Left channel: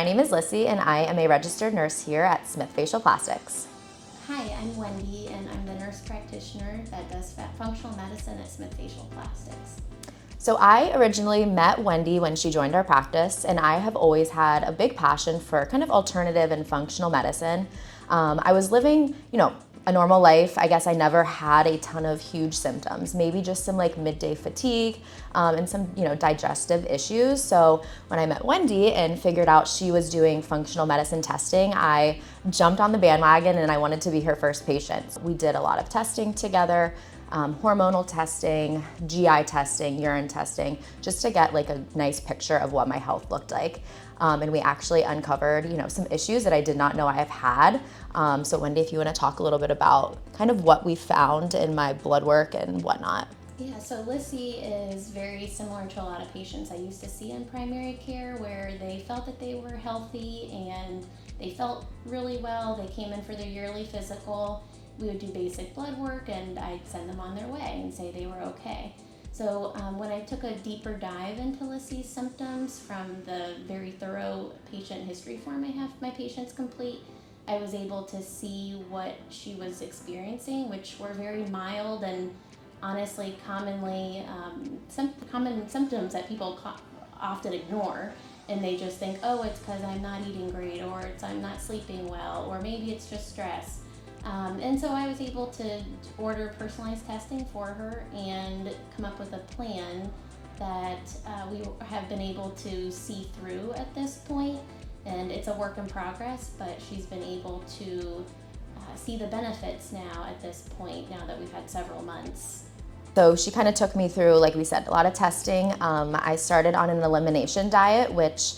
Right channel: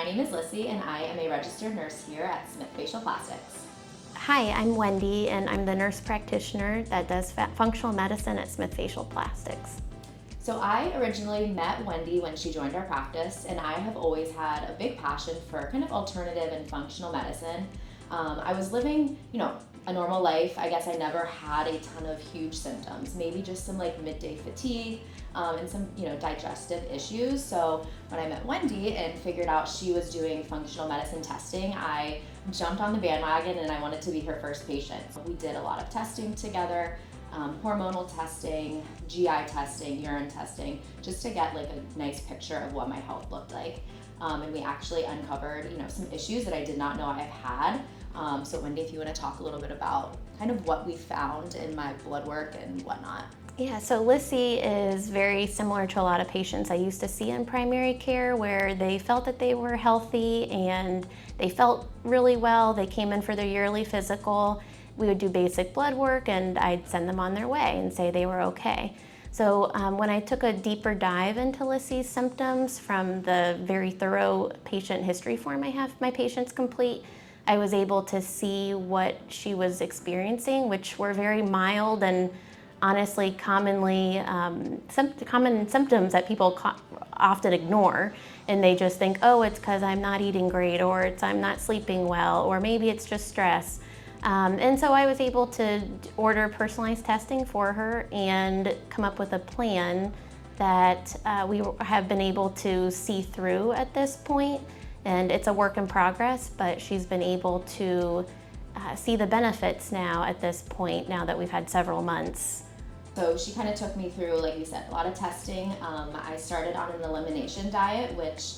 My name is Lissy, and I am a registered nurse here at Smith Facial Plastics. Hi, I'm Wendy, and I'm the nurse practitioner that does functional medicine at Smith Facial Plastics. So I originally met Wendy when she joined our practice, and I have always had a big passion for kind of alternative and functional medicine. I was living, a normal life. I guess I never had a ton of huge symptoms, maybe just some like midday fatigue and some, digestive issues. So when I met Wendy and figured out she was doing functional medicine testing, I jumped on the bandwagon and I wanted to be her first patient. We did a lot of testing together. Hormonal testing, GI testing, urine testing, just to get like a nice picture of what my health looked like. And we actually uncovered, some issues that I did not know I have had. So Wendy, if you want to talk a little bit about kind of what we found in my blood work and whatnot. Yeah, so Lissy is very similar to a lot of patients I used to see in primary care where they felt that they were healthy and they felt really well. They came in for their yearly physical. We would do basic blood work and I'd send them on their way and say they were okay. So when I took a deeper dive into Lissy's symptoms from the very thorough patient history form I have my patients complete, I was able to see what she was experiencing, which were very mild and honestly common symptoms that people often ignore. And they just think, oh, it's because I'm not eating great, or it's I'm not sleeping well, or maybe it's just stress. And so I was able to order personalized testing for her and come up with a plan that we have been able to see through at this point. And it's a work in progress, but she's been able to see the benefits now at this point, now that we've had several months. So she kind of took me through, like we said, a lot of testing. I started on an elimination diet, which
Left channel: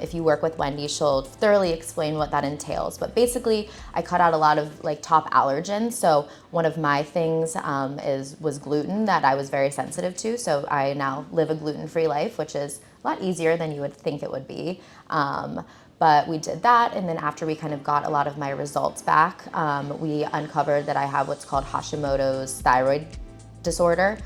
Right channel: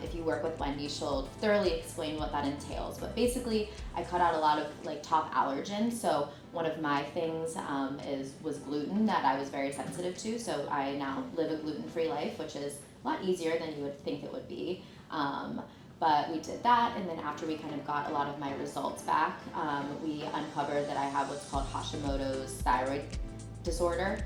if you work with Wendy, she'll thoroughly explain what that entails. But basically, I cut out a lot of like top allergens. So one of my things was gluten that I was very sensitive to. So I now live a gluten-free life, which is a lot easier than you would think it would be. But we did that, and then after we kind of got a lot of my results back, we uncovered that I have what's called Hashimoto's thyroid disorder.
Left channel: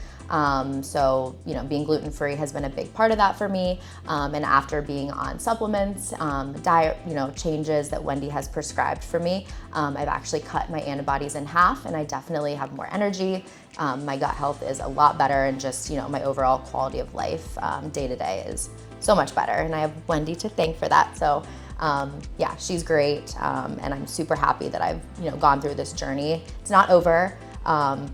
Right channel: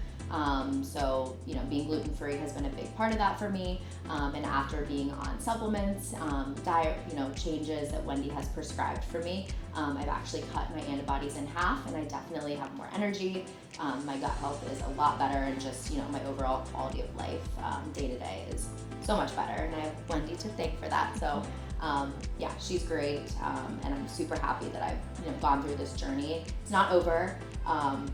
So, being gluten-free has been a big part of that for me. And after being on supplements, diet, changes that Wendy has prescribed for me, I've actually cut my antibodies in half, and I definitely have more energy. My gut health is a lot better, and just, my overall quality of life day to day is so much better. And I have Wendy to thank for that. So, she's great. And I'm super happy that I've, gone through this journey. It's not over.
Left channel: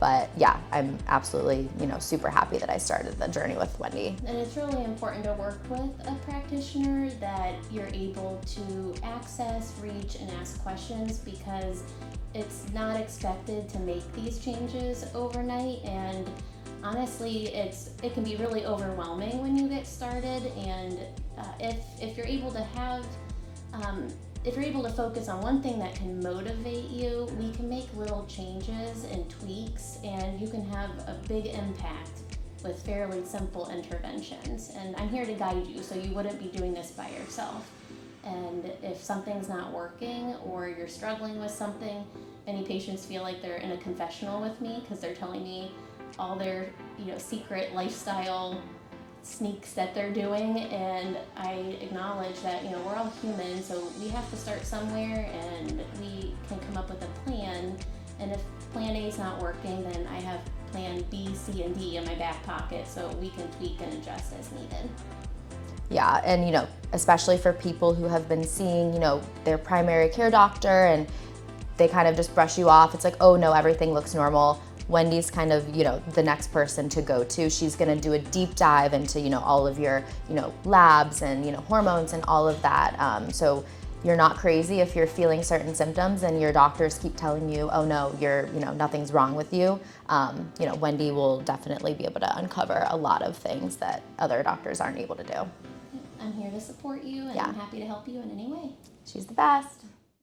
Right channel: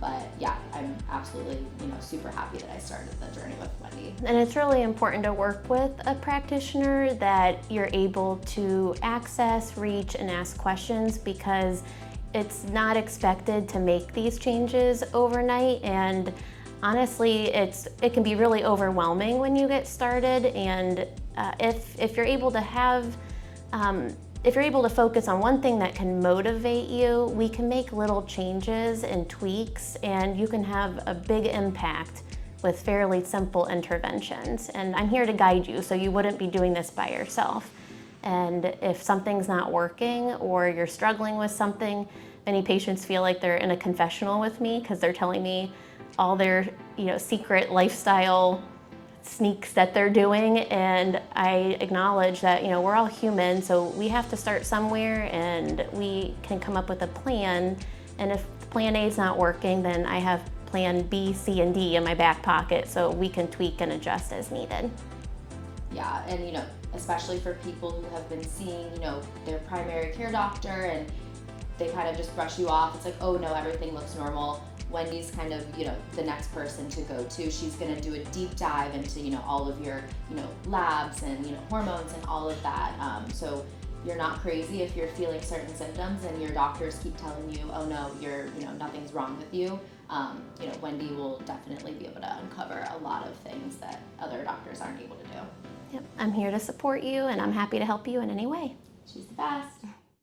But yeah, I'm absolutely, super happy that I started the journey with Wendy. And it's really important to work with a practitioner that you're able to access, reach, and ask questions, because it's not expected to make these changes overnight. And honestly, it can be really overwhelming when you get started. And if you're able to have if you're able to focus on one thing that can motivate you, we can make little changes and tweaks, and you can have a big impact with fairly simple interventions. And I'm here to guide you, so you wouldn't be doing this by yourself. And if something's not working or you're struggling with something, many patients feel like they're in a confessional with me because they're telling me all their secret lifestyle sneaks that they're doing, and I acknowledge that we're all human, so we have to start somewhere, and we can come up with a plan. And if plan A is not working, then I have plan B, C, and D in my back pocket, so we can tweak and adjust as needed. Yeah, and especially for people who have been seeing their primary care doctor and they kind of just brush you off. It's like, oh no, everything looks normal. Wendy's kind of, the next person to go to. She's gonna do a deep dive into, all of your, labs and, hormones and all of that. So you're not crazy if you're feeling certain symptoms and your doctors keep telling you, oh no, nothing's wrong with you. Wendy will definitely be able to uncover a lot of things that other doctors aren't able to do. Yep. I'm here to support you, and I'm happy to help you in any way. She's the best.